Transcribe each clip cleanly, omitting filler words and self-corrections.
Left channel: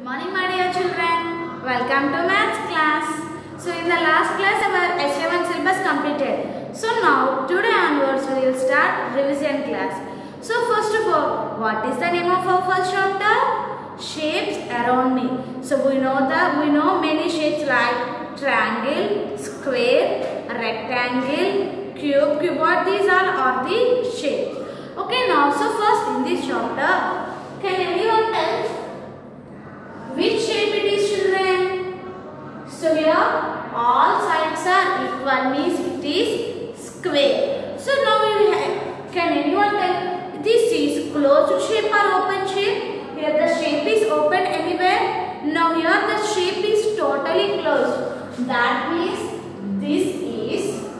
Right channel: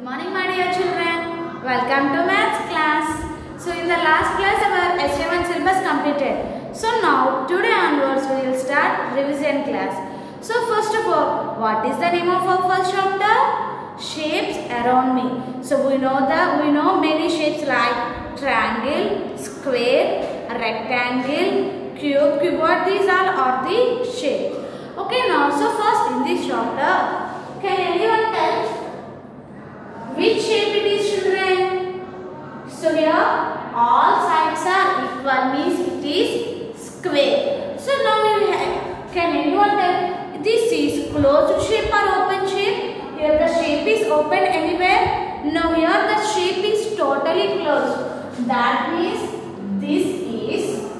Good morning, my dear children. Welcome to maths class. So in the last class our HA1 syllabus completed. So now today onwards we will start revision class. So first of all, what is the name of our first chapter? Shapes around me. So we know many shapes like triangle, square, rectangle, cube, cuboid. These all are the shapes. Okay, now so first in this chapter, can anyone tell which shape it is, children? So here all sides are equal, means it is square. So now we have, can anyone tell this is closed shape or open shape? Here the shape is open anywhere. Now here the shape is totally closed. That means this is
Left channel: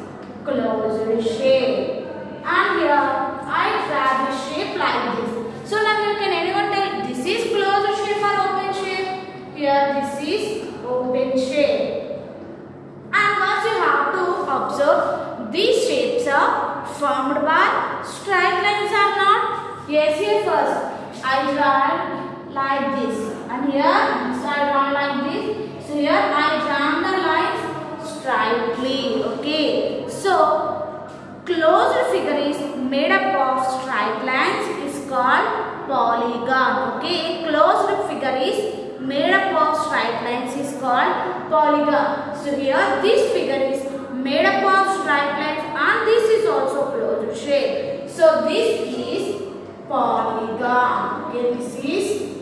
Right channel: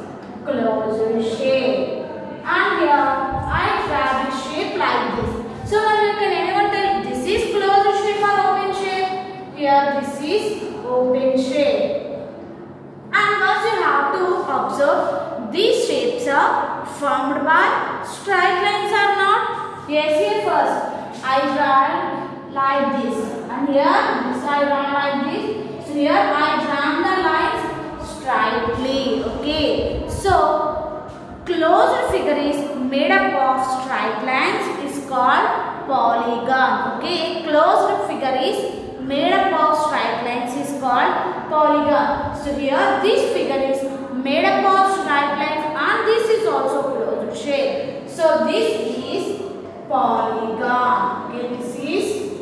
closed shape. And here I draw the shape like this. So now you can anyone tell this is closed shape or open shape? Here this is open shape. And once you have to observe, these shapes are formed by straight lines or not? Yes, here first I draw like this, and here I draw like this. So here I draw the lines straightly. Okay. So closed figure is made up of straight lines is called polygon. Okay. Closed figure is made up of straight lines is called polygon. So here this figure is made up of straight lines and this is also closed shape. So this is polygon. Okay, this is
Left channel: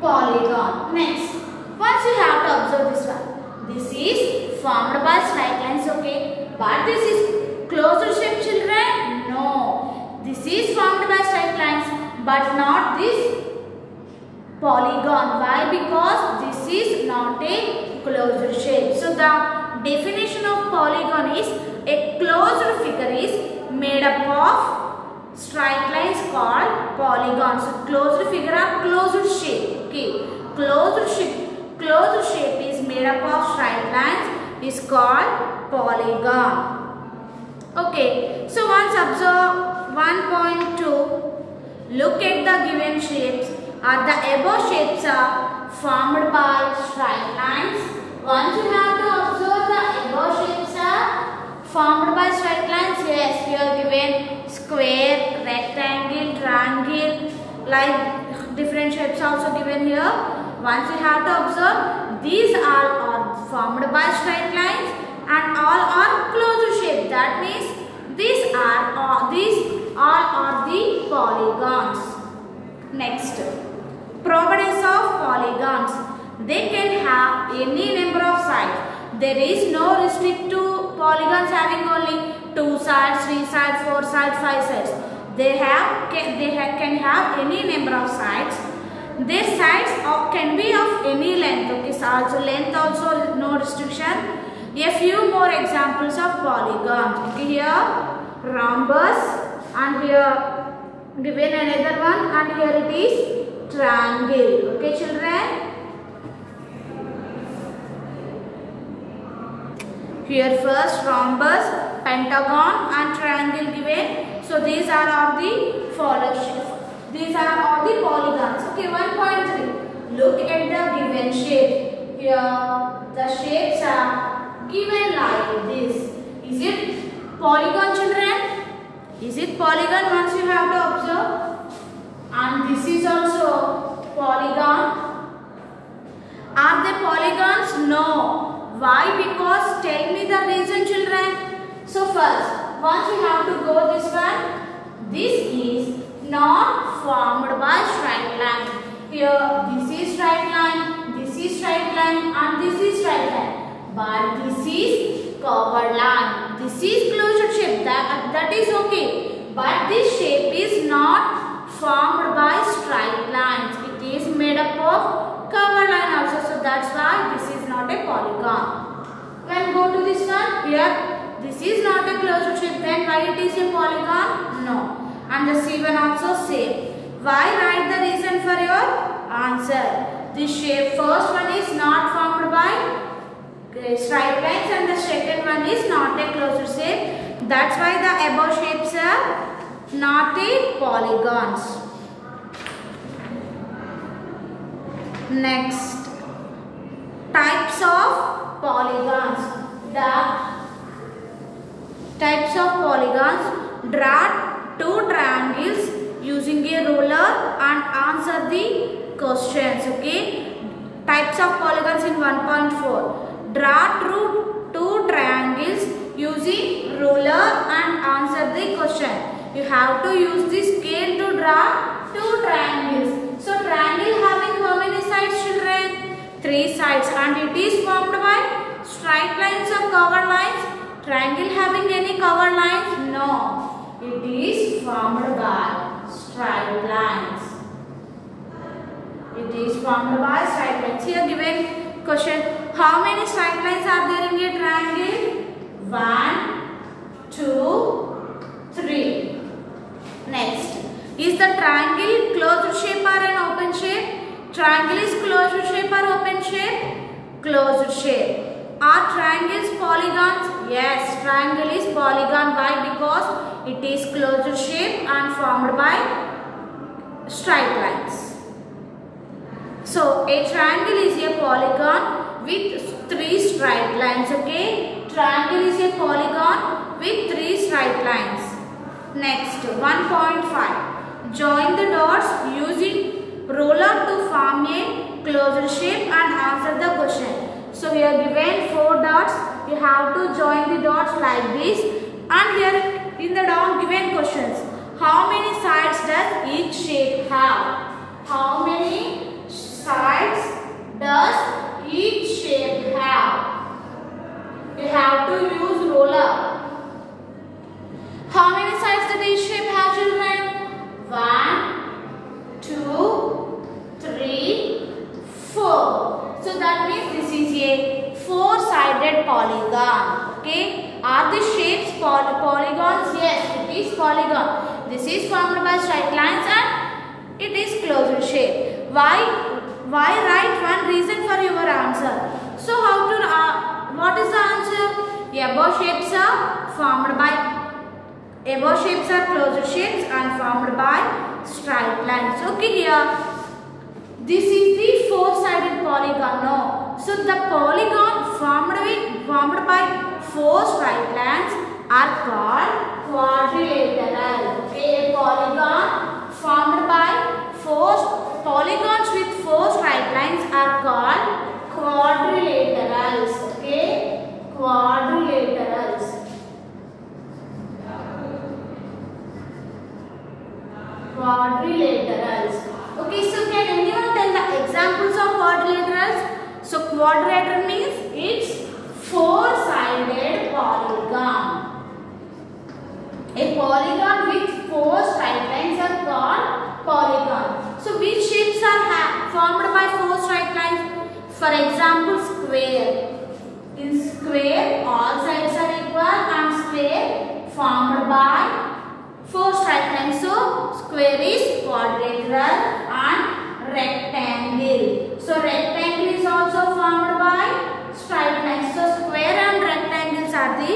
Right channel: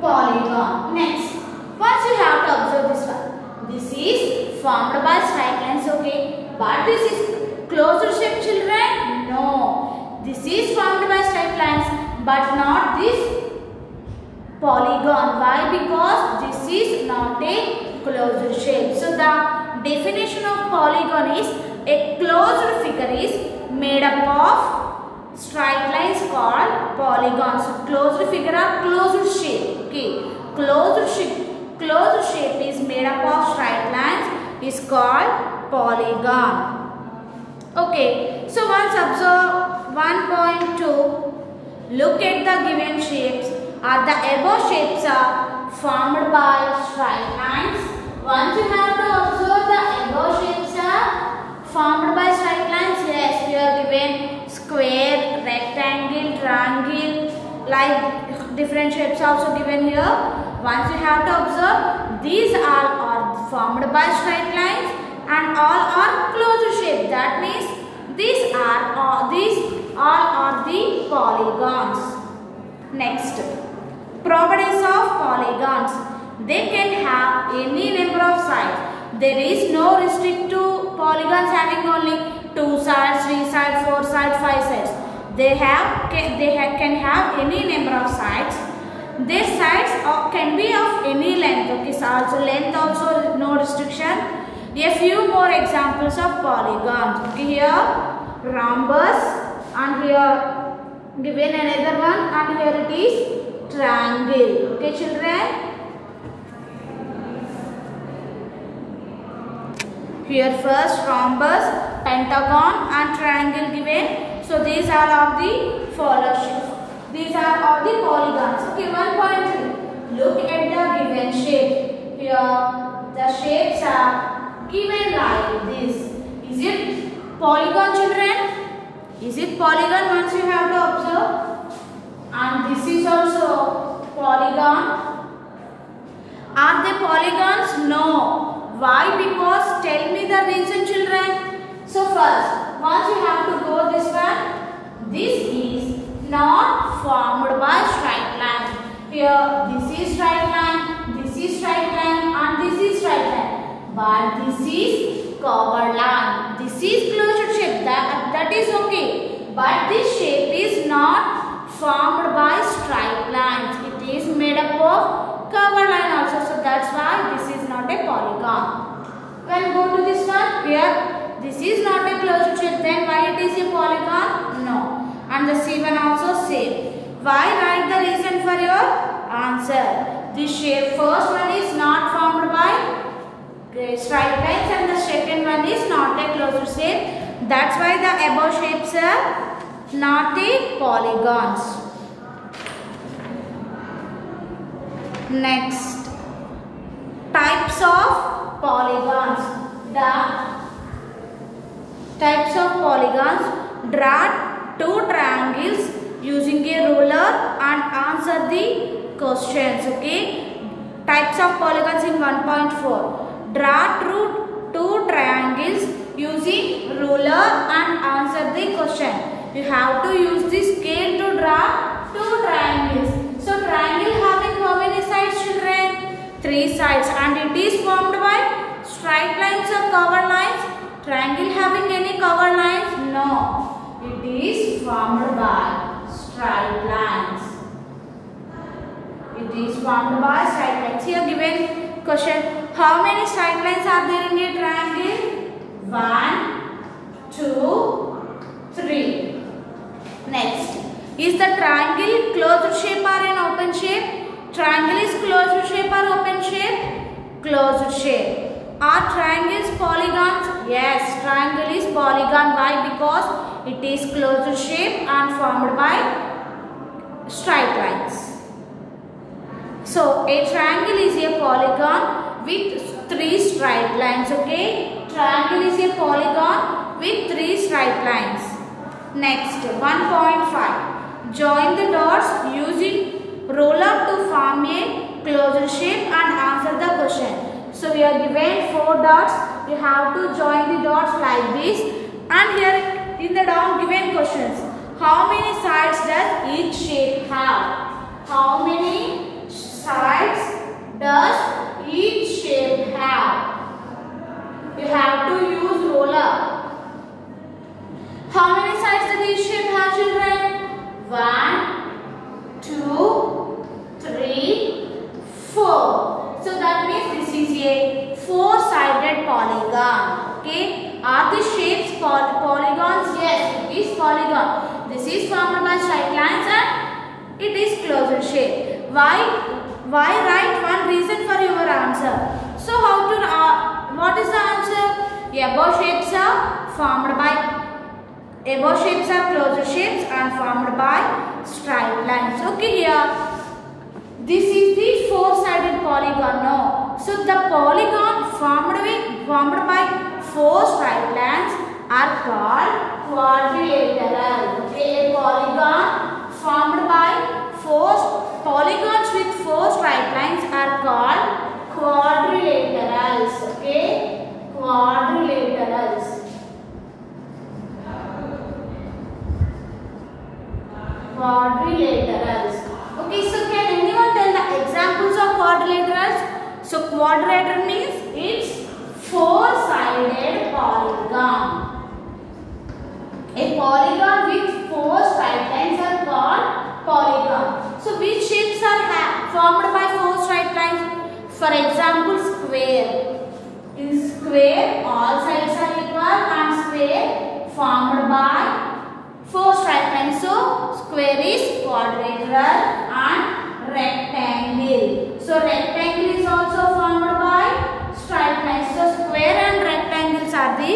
polygon. Next, once you have to observe this one. This is formed by straight lines. Okay, but this is closed shape, children? No. This is formed by straight lines but not this polygon. Why? Because this is not a closed shape. So the definition of polygon is a closed figure is made up of straight lines called polygon. So closed figure or closed shape. Okay. Closed shape is made up of straight lines is called polygon. Okay. So once observe 1.2. Look at the given shapes. Are the above shapes are formed by straight lines. Once you have to observe the above shapes are formed by straight lines. Yes, we are given square, rectangle, triangle, like different shapes also given here. Once you have to observe, these all are formed by straight lines and all are closed shape. That means these all are the polygons. Next, properties of polygons. They can have any number of sides. There is no restrict to polygons having only 2 sides, 3 sides, 4 sides, 5 sides. They can have any number of sides. Their sides can be of any length. Okay, so also length also no restriction. A few more examples of polygons. Okay, here rhombus and here given another one and here it is triangle. Okay, children. Here first rhombus, pentagon and triangle given. So these are of the these are of the polygons. Okay, 1.3. Look at the given shape. Here the shapes are given like this. Is it polygon, children? Is it polygon? Once you have to observe. And this is also polygon. Are they polygons? No. Why? Because tell me the reason, children. So first, once you have to go this one, this is not formed by straight line. Here this is straight line, this is straight line and this is straight line. But this is curved line. This is closed shape. That is okay. But this shape is not formed by straight lines. It is made up of curved line also. So that's why this is not a polygon. When go to this one, here this is not a closed shape. Then why it is a polygon? No. And the C1 also same. Why? Write the reason for your answer. This shape first one is not formed by straight lines and the second one is not a closed shape. That's why the above shapes are not a polygons. Next, types of polygons. The types of polygons: draw two triangles using a ruler and answer the questions. Okay, types of polygons in 1.4. Draw two triangles using ruler and answer the question. You have to use the scale to draw two triangles. So triangle having how many sides, children? 3 sides, and it is formed by straight lines or curved lines. Triangle having any curved lines? No. It is formed by straight lines. It is formed by straight lines. Here given question: how many straight lines are there in a triangle? 1, 2, 3. Next, is the triangle closed shape or an open shape? Triangle is closed shape or open shape? Closed shape. Are triangles polygons? Yes, triangle is polygon. Why? Because it is closed shape and formed by straight lines. So a triangle is a polygon with 3 straight lines. Okay, triangle is a polygon with 3 straight lines. Next, 1.5. Join the dots using ruler to form a closed shape and answer the question. So we are given 4 dots. You have to join the dots like this. And here in the down given questions: how many sides does each shape have? How many sides does each shape have? You have to use ruler. How many sides does each shape have, children? 1, 2, 3, 4. So that means this is a 4-sided polygon. Okay. Are the shapes polygons? Yes, it is polygon. This is formed by straight lines and it is closed shape. Why write one reason for your answer? So what is the answer? Above shapes are closed shapes and formed by straight lines. Okay, here this is the 4-sided polygon. No, so the polygon formed by 4 straight lines are called quadrilateral. Okay, a polygon formed by 4 polygons with 4 straight lines are called quadrilaterals. Okay, quadrilaterals. Quadrilaterals. Okay, so can anyone tell the examples of quadrilaterals? So quadrilateral means it's 4-sided polygon. A polygon with 4 straight lines are called polygon. So which shapes are formed by 4 straight lines? For example, square. In square, all sides are equal and square formed by 4 straight lines. So square is quadrilateral and rectangle. So rectangle is also formed by straight lines. So square and rectangles are the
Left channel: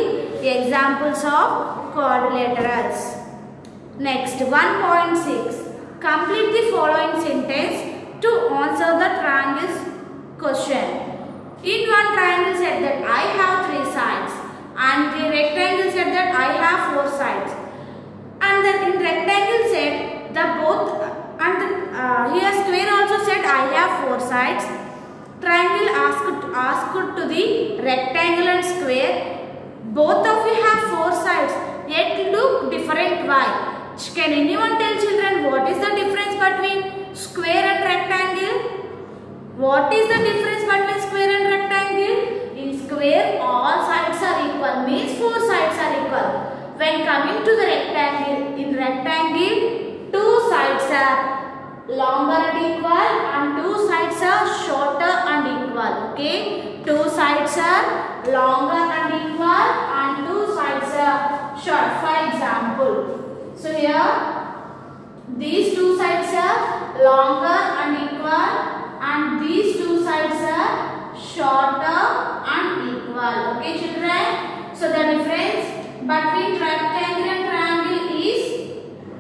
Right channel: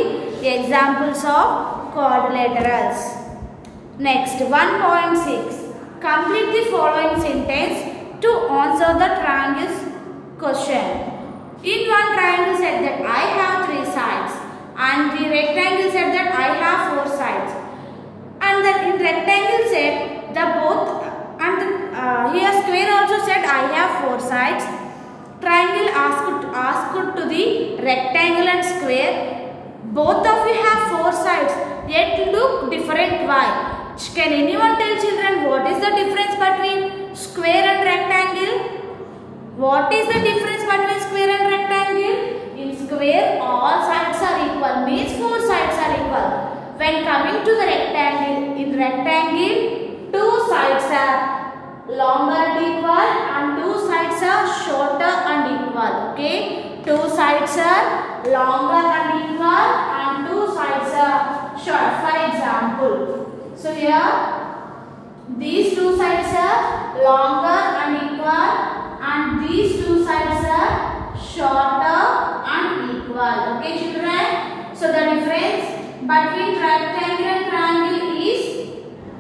examples of quadrilaterals. Next, 1.6. Complete the following sentence to answer the triangle's question. In one triangle said that I have 3 sides, and the rectangle said that I have 4 sides. And then in rectangle said the both, and here square also said I have 4 sides. Triangle asked to the rectangle and square, both of you have 4 sides, yet look different. Why? Can anyone tell, children, what is the difference between square and rectangle? What is the difference between square and rectangle? In square, all sides are equal, means 4 sides are equal. When coming to the rectangle, in rectangle, 2 sides are longer and equal and 2 sides are shorter and equal. Okay, 2 sides are longer and equal and 2 sides are short. For example, so here these 2 sides are longer and equal and these 2 sides are shorter and equal. Okay, children, so the difference between rectangle and triangle is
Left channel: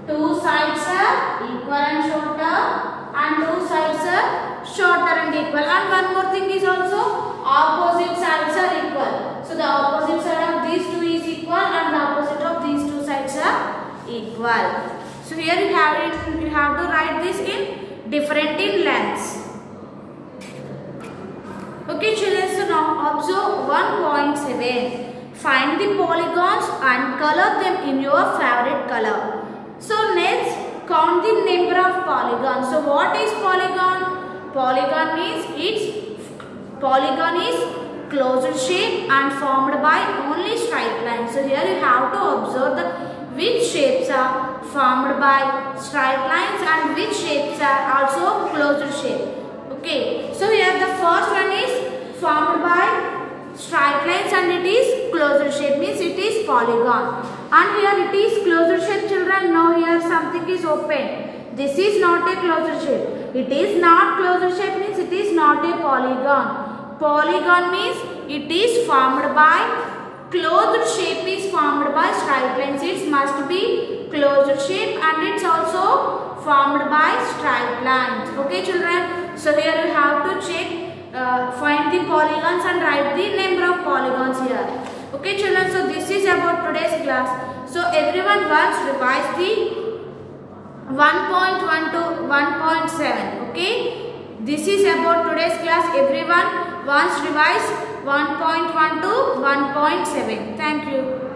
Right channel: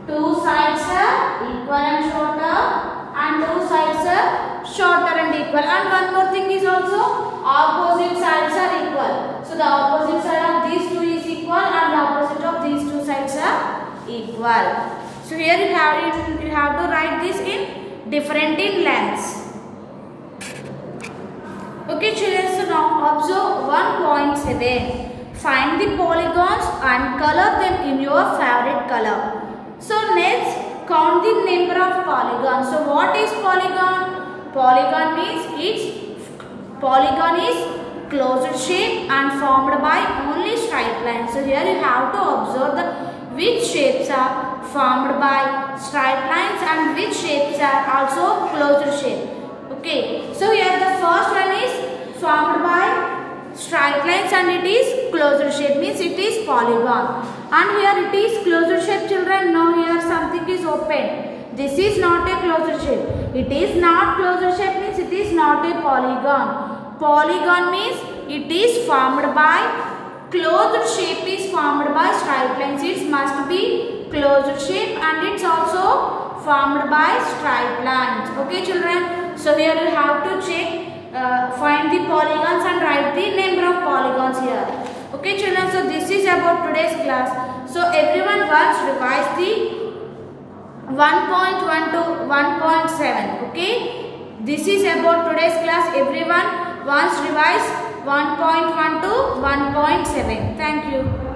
2 sides are equal and shorter and 2 sides are shorter and equal, and one more thing is also opposite sides are equal. So the opposite side of these two is equal and the opposite of these two sides are equal. So here you have to write this in different in lengths. Okay children, so now observe 1.7. Find the polygons and color them in your favorite color. So next, count the number of polygons. So what is polygon? Polygon means polygon is closed shape and formed by only straight lines. So here you have to observe which shapes are formed by straight lines and which shapes are also closed shape. Okay, so here the first one is formed by straight lines and it is closed shape, means it is polygon. And here it is closed shape children. Now here something is open. This is not a closed shape. It is not closed shape means it is not a polygon. Polygon means it is formed by closed shape is formed by straight lines. It must be closed shape and it's also formed by straight lines. Okay children. So here you have to check. Find the polygons and write the number of polygons here. Okay children, so this is about today's class. So everyone once revise the 1.1 to 1.7. Okay, this is about today's class. Everyone once revise 1.1 to 1.7. Thank you.